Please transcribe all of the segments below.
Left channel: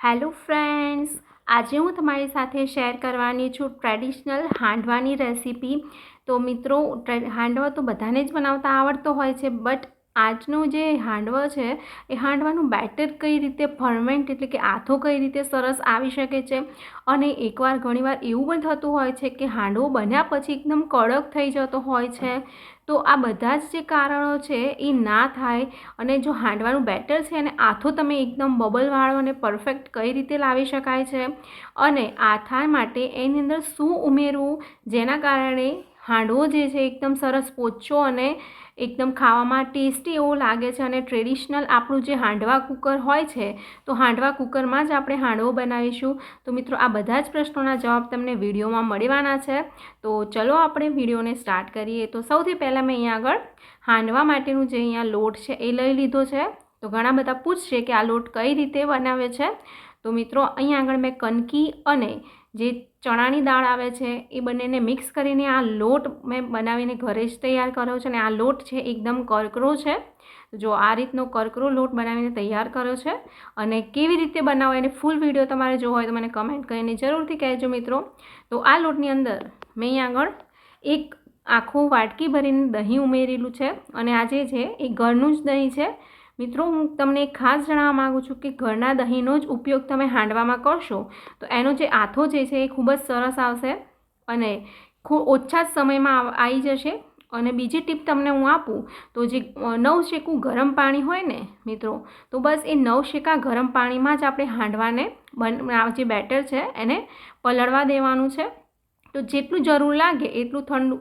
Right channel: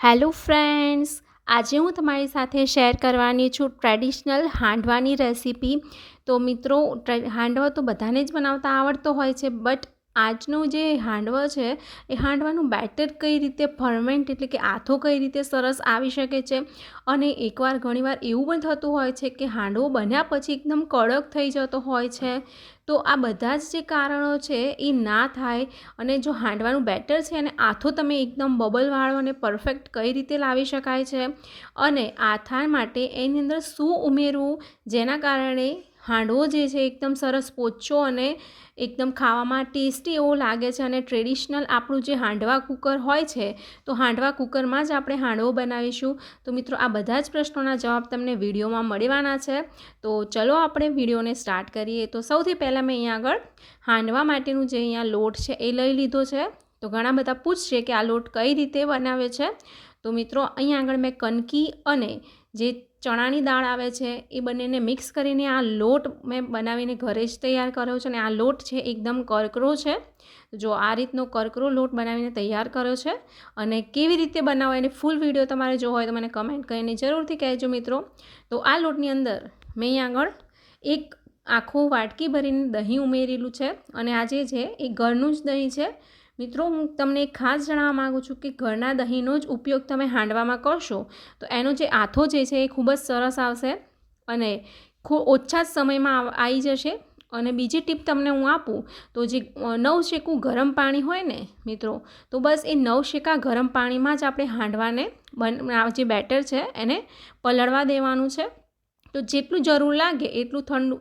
Hello friends, આજે હું તમારી સાથે શેર કરવાની છું ટ્રેડિશનલ હાંડવાની રેસીપી. તો મિત્રો હાંડવો તો બધાને જ બનાવતા આવડતો હોય છે, બટ આજનો જે હાંડવો છે, એ હાંડવાનું બેટર કઈ રીતે ફર્મેન્ટ એટલે કે આથો કઈ રીતે સરસ આવી શકે છે? અને એકવાર ઘણીવાર એવું પણ થતું હોય છે કે હાંડવો બન્યા પછી એકદમ કડક થઈ જતો હોય છે. તો આ બધા જ જે કારણો છે એ ના થાય અને જો હાંડવાનું બેટર છે અને આથો તમે એકદમ બબલવાળો અને પરફેક્ટ કઈ રીતે લાવી શકાય છે અને આથા માટે એની અંદર શું ઉમેરવું જેના કારણે હાંડવો જે છે એકદમ સરસ પોચો અને એકદમ ખાવામાં ટેસ્ટી એવો લાગે છે અને ટ્રેડિશનલ આપણું જે હાંડવા કુકર હોય છે, તો હાંડવા કુકરમાં જ આપણે હાંડવો બનાવીશું. તો મિત્રો, આ બધા જ પ્રશ્નોના જવાબ તમને વિડીયોમાં મળવાના છે. તો ચલો આપણે વિડીયોને સ્ટાર્ટ કરીએ. તો સૌથી પહેલાં મેં અહીંયા આગળ હાંડવા માટેનું જે અહીંયા લોટ છે એ લઈ લીધો છે. તો ઘણા બધા પૂછશે કે આ લોટ કઈ રીતે બનાવે છે? તો મિત્રો, અહીંયા આગળ મેં કનકી અને જે ચણાની દાળ આવે છે, એ બંનેને મિક્સ કરીને આ લોટ મેં બનાવીને ઘરે જ તૈયાર કર્યો છે અને આ લોટ છે એકદમ કરકરો છે. જો આ રીતનો કરકરો લોટ બનાવીને તૈયાર કર્યો છે અને કેવી રીતે બનાવો એને ફૂલ વીડિયો તમારે જો હોય તો મને કમેન્ટ કરીને જરૂરથી કહેજો મિત્રો. તો આ લોટની અંદર મેં અહીં આગળ એક આખું વાટકી ભરીને દહીં ઉમેરેલું છે અને આજે છે એ ઘરનું જ દહીં છે મિત્રો, હું તમને ખાસ જણાવવા માગું છું કે ઘરના દહીંનો જ ઉપયોગ તમે હાંડવામાં કરશો, તો એનો જે આથો જે છે એ ખૂબ જ સરસ આવશે અને ખૂબ ઓછા જ સમયમાં આવી જશે. અને બીજી ટીપ તમને હું આપું, તો જે નવ શેકું ગરમ પાણી હોય ને, મિત્રો, તો બસ એ નવ શેકા ગરમ પાણીમાં જ આપણે હાંડવાને બન જે બેટર છે એને પલળવા દેવાનું છે. તો જેટલું જરૂર લાગે એટલું ઠંડુ.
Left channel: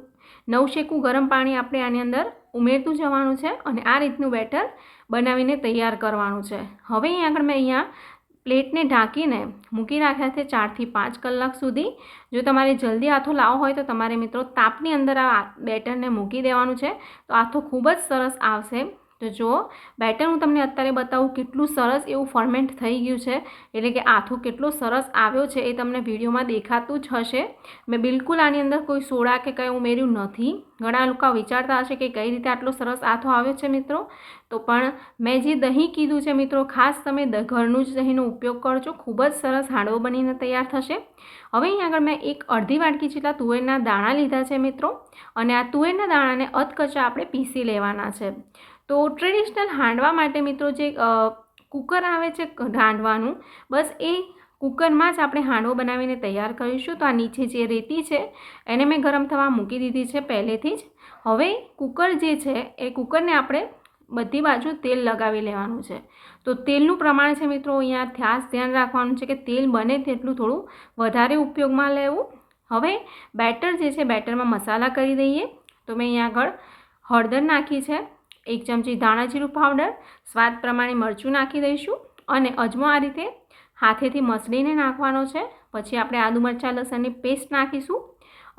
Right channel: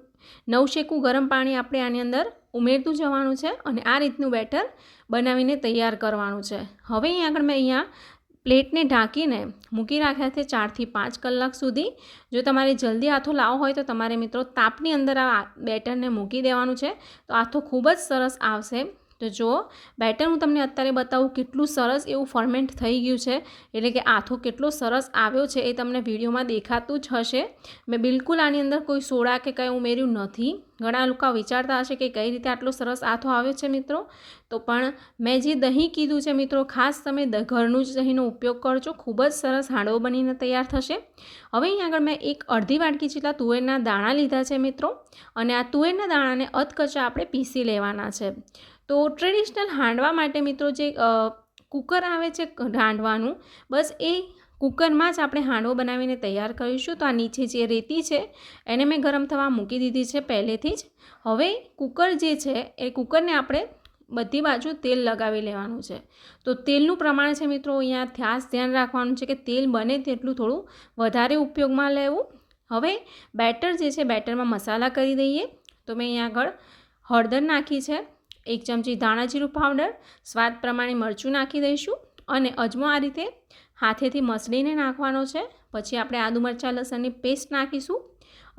નવ શેકું ગરમ પાણી આપણે આની અંદર ઉમેરતું જવાનું છે અને આ રીતનું બેટર બનાવીને તૈયાર કરવાનું છે. હવે અહીં આગળ મેં અહીંયા પ્લેટને ઢાંકીને મૂકી રાખ્યા છે ચારથી પાંચ કલાક સુધી. જો તમારે જલ્દી આથો લાવવો હોય તો તમારે મિત્રો તાપની અંદર આ બેટરને મૂકી દેવાનું છે. તો આથો ખૂબ જ સરસ આવશે. તો જો બેટર હું તમને અત્યારે બતાવું કેટલું સરસ એવું ફર્મેન્ટ થઈ ગયું છે. એટલે કે આથો કેટલો સરસ આવ્યો છે એ તમને વિડીયોમાં દેખાતું જ હશે. મેં બિલકુલ આની અંદર કોઈ સોડા કે કંઈ ઉમેર્યું નથી. ઘણા લોકો વિચારતા હશે કે કઈ રીતે આટલો સરસ આથો આવ્યો છે મિત્રો. તો પણ મેં જે દહીં કીધું છે મિત્રો, ખાસ તમે ઘરનું જ દહીંનો ઉપયોગ કરજો. ખૂબ જ સરસ હાંડવો બનીને તૈયાર થશે. હવે અહીં આગળ મેં એક અડધી વાટકી જેટલા તુવેરના દાણા લીધા છે મિત્રો. અને આ તુવેરના દાણાને અધકચા આપણે પીસી લેવાના છે. તો ટ્રેડિશનલ હાંડવા માટે મિત્રો જે કુકર આવે છે હાંડવાનું, બસ એ કુકરમાં જ આપણે હાંડવો બનાવીને તૈયાર કરીશું. તો આ નીચે જે રેતી છે, એને મેં ગરમ થવા મૂકી દીધી છે પહેલેથી જ. હવે કુકર જે છે, એ કુકરને આપણે બધી બાજુ તેલ લગાવી લેવાનું છે. તો તેલનું પ્રમાણ છે મિત્રો અહીંયા ખાસ ધ્યાન રાખવાનું છે કે તેલ બને તેટલું થોડું વધારે ઉપયોગમાં લેવું. હવે બેટર જે છે, બેટરમાં મસાલા કરી દઈએ. તો મેં અહીંયા આગળ હળદર નાખી છે. એક ચમચી ધાણા પાવડર સ્વાદ પ્રમાણે મરચું નાખી દઈશું અને અજમો આ રીતે હાથેથી મસળીને નાખવાનો છે. પછી આપણે આદુ મરચાં લસણની પેસ્ટ નાખીશું.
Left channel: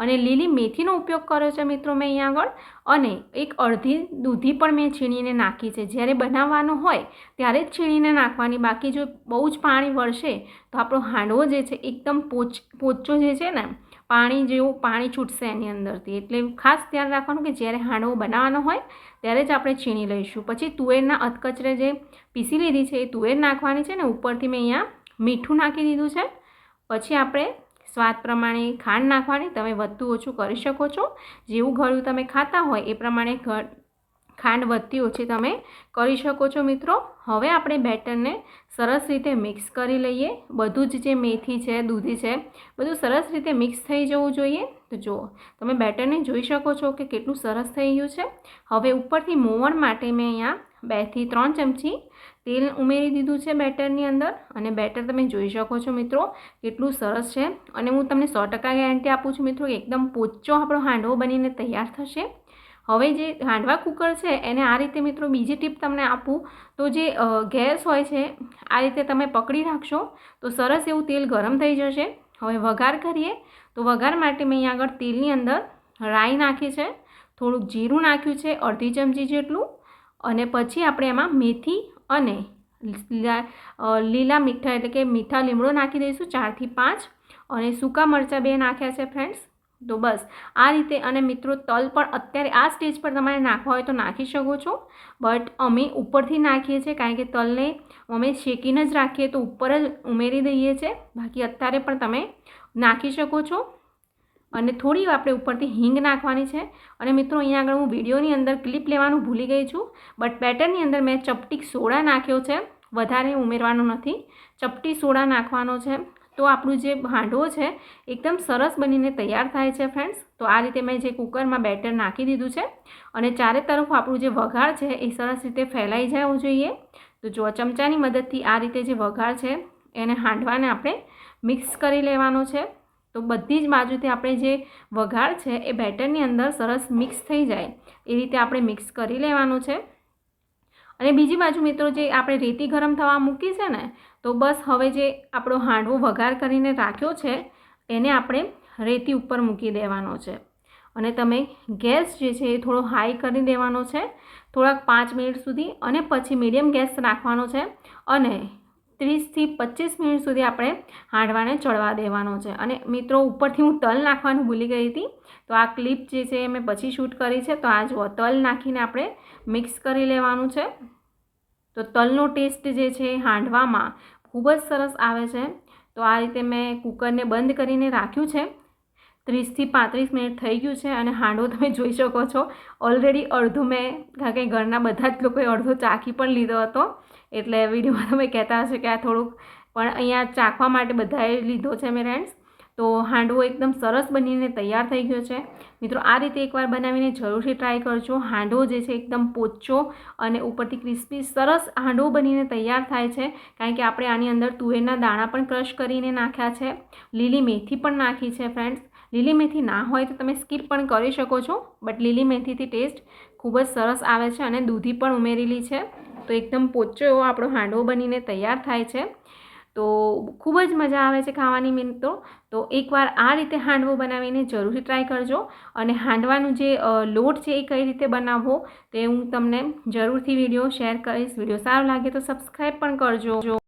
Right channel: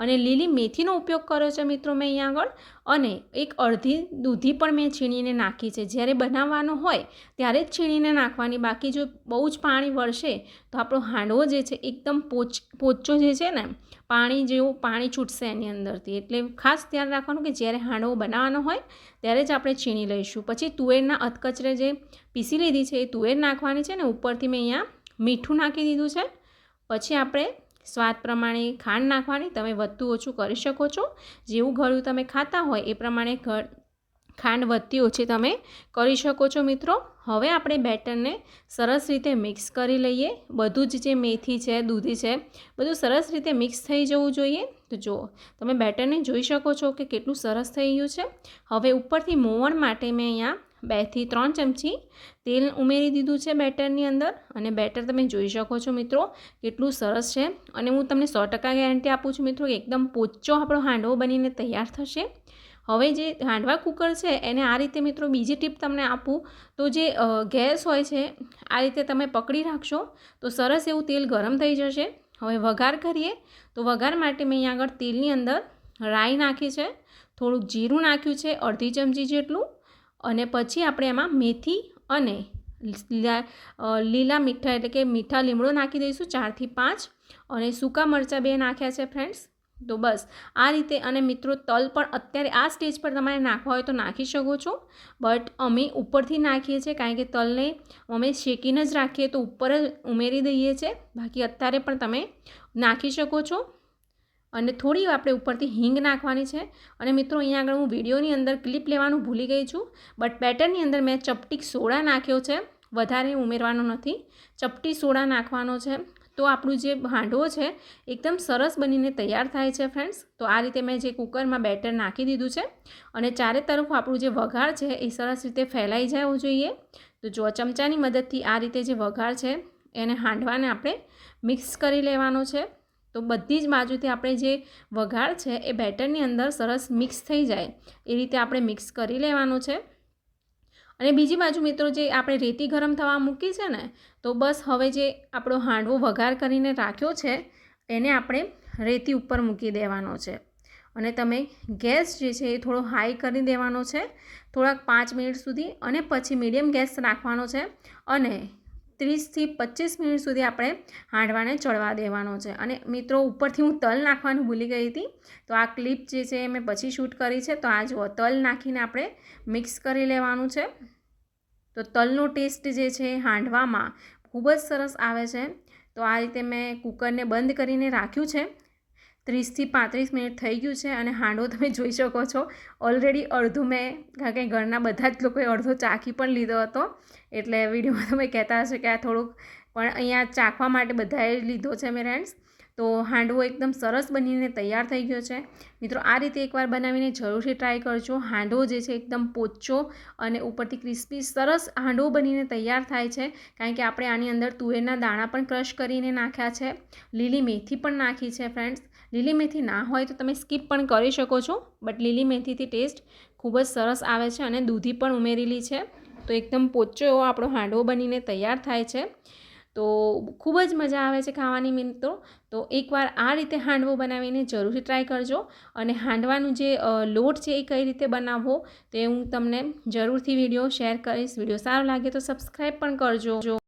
અને લીલી મેથીનો ઉપયોગ કર્યો છે મિત્રો મેં અહીંયા આગળ. અને એક અડધી દૂધી પણ મેં છીણીને નાખી છે. જ્યારે બનાવવાનો હોય ત્યારે જ છીણીને નાખવાની. બાકી જો બહુ જ પાણી વળશે તો આપણો હાંડવો જે છે એકદમ પોચ, પોચો જે છે ને, પાણી જેવું પાણી છૂટશે એની અંદરથી. એટલે ખાસ ધ્યાન રાખવાનું કે જ્યારે હાંડવો બનાવવાનો હોય ત્યારે જ આપણે છીણી લઈશું. પછી તુવેરના અધકચરે જે પીસી લીધી છે એ તુવેર નાખવાની છે ને, ઉપરથી મેં અહીંયા મીઠું નાખી દીધું છે. પછી આપણે સ્વાદ પ્રમાણે ખાંડ નાખવાની તમે વધતું ઓછું કરી શકો છો. જેવું ગળ્યું તમે ખાતા હોય એ પ્રમાણે ખાંડ વધતી ઓછી તમે કરી શકો છો મિત્રો. હવે આપણે બેટરને સરસ રીતે મિક્સ કરી લઈએ. બધું જ જે મેથી છે, દૂધી છે, બધું સરસ રીતે મિક્સ થઈ જવું જોઈએ. તો જુઓ, તમે બેટરને જોઈ શકો છો કે કેટલું સરસ થઈ ગયું છે. હવે ઉપરથી મોવણ માટે મેં અહીંયા બેથી ત્રણ ચમચી તેલ ઉમેરી દીધું છે બેટરની અંદર અને બેટર તમે જોઈ શકો છો મિત્રો કેટલું સરસ છે અને હું તમને સો ટકા ગેરંટી આપું છું મિત્રો એકદમ પોચો આપણો હાંડવો બનીને તૈયાર થશે. હવે જે હાંડવા કુકર છે એને આ રીતે મિત્રો બીજી ટીપ તમને આપું તો જે ગેસ હોય છે આ રીતે તમે પકડી રાખશો તો સરસ એવું તેલ ગરમ થઈ જશે. હવે વઘાર કરીએ તો વઘાર માટે મેં અહીંયા આગળ તેલની અંદર રાઈ નાખી છે, થોડુંક જીરું નાખ્યું છે, અડધી ચમચી જેટલું અને પછી આપણે એમાં મેથી અને લીલા મીઠા એટલે કે મીઠા લીમડો નાખી દઈશું ચારથી પાંચ અને સૂકા મરચાં બે નાખ્યા છે ફ્રેન્ડ્સ. તો બસ, આ રીતે અને મિત્રો તલ પણ અત્યારે આ સ્ટેજ પર તમારે નાખવા હોય તો નાખી શકો છો. બટ અમે ઉપરથી નાખીએ છીએ કારણ કે તલને અમે શેકીને જ રાખીએ તો ઉપર જ ઉમેરી દઈએ છીએ. બાકી અત્યારે પણ તમે નાખી શકો છો. અને થોડી આપણે ઉપરથી હિંગ નાખવાની છે. અને મિત્રો, અહીંયા આગળ હું વિડીયોની અંદર ક્લિપ લેવાનું ભૂલી ગઈ છું, બટ બેટરની અંદર મેં ચપટી સોડા નાખ્યો છે. વધારે ઉમેરવાનું નથી. ચપટી સોડા નાખવાનો છે. તો આપણું જે હાંડવો છે, એકદમ સરસ બનીને તૈયાર થાય છે ફ્રેન્ડ્સ તો આ રીતે મેં જે કુકરમાં બેટર નાખી દીધું છે. અને ચારે તરફ આપણું જે વઘાર છે, એ સરસ રીતે ફેલાઈ જવું જોઈએ. તો જો ચમચાની મદદથી આ રીતે જે વઘાર છે, એને હાંડવાને આપણે મિક્સ કરી લેવાનો છે. તો બધી જ બાજુથી આપણે જે વઘાર છે એ બેટરની અંદર સરસ મિક્સ થઈ જાય. એ રીતે આપણે મિક્સ કરી લેવાનું છે. અને બીજી બાજુ મિત્રો જે આપણે રેતી ગરમ થવા મૂકી છે ને, તો બસ હવે જે આપણો હાંડવો વઘાર કરીને રાખ્યો છે, એને આપણે રેતી ઉપર મૂકી દેવાનો છે. અને તમે ગેસ જે છે એ થોડો હાઈ કરી દેવાનો છે. થોડાક પાંચ મિનિટ સુધી અને પછી મીડિયમ ગેસ રાખવાનો છે. અને ત્રીસથી પચીસ મિનિટ સુધી આપણે હાંડવાને ચડવા દેવાનો છે. અને મિત્રો, ઉપરથી હું તલ નાખવાનું ભૂલી ગઈ હતી. તો આ ક્લિપ જે છે મેં પછી શૂટ કરી છે. તો આ જુઓ, તલ નાખીને આપણે મિક્સ કરી લેવાનું છે. તો તલનો ટેસ્ટ જે છે હાંડવામાં ખૂબ જ સરસ આવે છે. તો આ રીતે મેં કુકરને બંધ કરીને રાખ્યું છે. ત્રીસથી પાંત્રીસ મિનિટ થઈ ગયું છે અને હાંડવો તમે જોઈ શકો છો. ઓલરેડી અડધો મેં, કારણ કે ઘરના બધા જ લોકોએ અડધો ચાખી પણ લીધો હતો. એટલે વિડીયોમાં તમે કહેતા હશો કે આ થોડુંક પણ અહીંયા ચાખવા માટે બધાએ લીધો છે મેં ફ્રેન્ડ્સ તો હાંડવો એકદમ સરસ બનીને તૈયાર થઈ ગયો છે. મિત્રો, આ રીતે એકવાર બનાવીને જરૂરથી ટ્રાય કરજો. હાંડવો જે છે એકદમ પોચો અને ઉપરથી ક્રિસ્પી સરસ હાંડવો બનીને તૈયાર થાય છે. કારણ કે આપણે આની અંદર તુવેરના દાણા પણ ક્રશ કરીને નાખ્યા છે. લીલી મેથી પણ નાખી છે ફ્રેન્ડ્સ લીલી મેથી ના હોય તો તમે સ્કીપ પણ કરી શકો છો, બટ લીલી મેથીથી ટેસ્ટ ખૂબ જ સરસ આવે છે અને દૂધી પણ ઉમેરેલી છે. તો એકદમ પોચો એવો આપણો હાંડવો બનીને તૈયાર થાય છે. તો ખૂબ જ મજા આવે છે ખાવાની મિત્રો તો. એકવાર આ રીતે હાંડવો બનાવીને જરૂરથી ટ્રાય કરજો. અને હાંડવાનું જે લોટ છે એ કઈ રીતે બનાવવો તે હું તમને જરૂરથી વીડિયો શેર કરીશ. વીડિયો સારો લાગે તો સબસ્ક્રાઈબ પણ કરજો.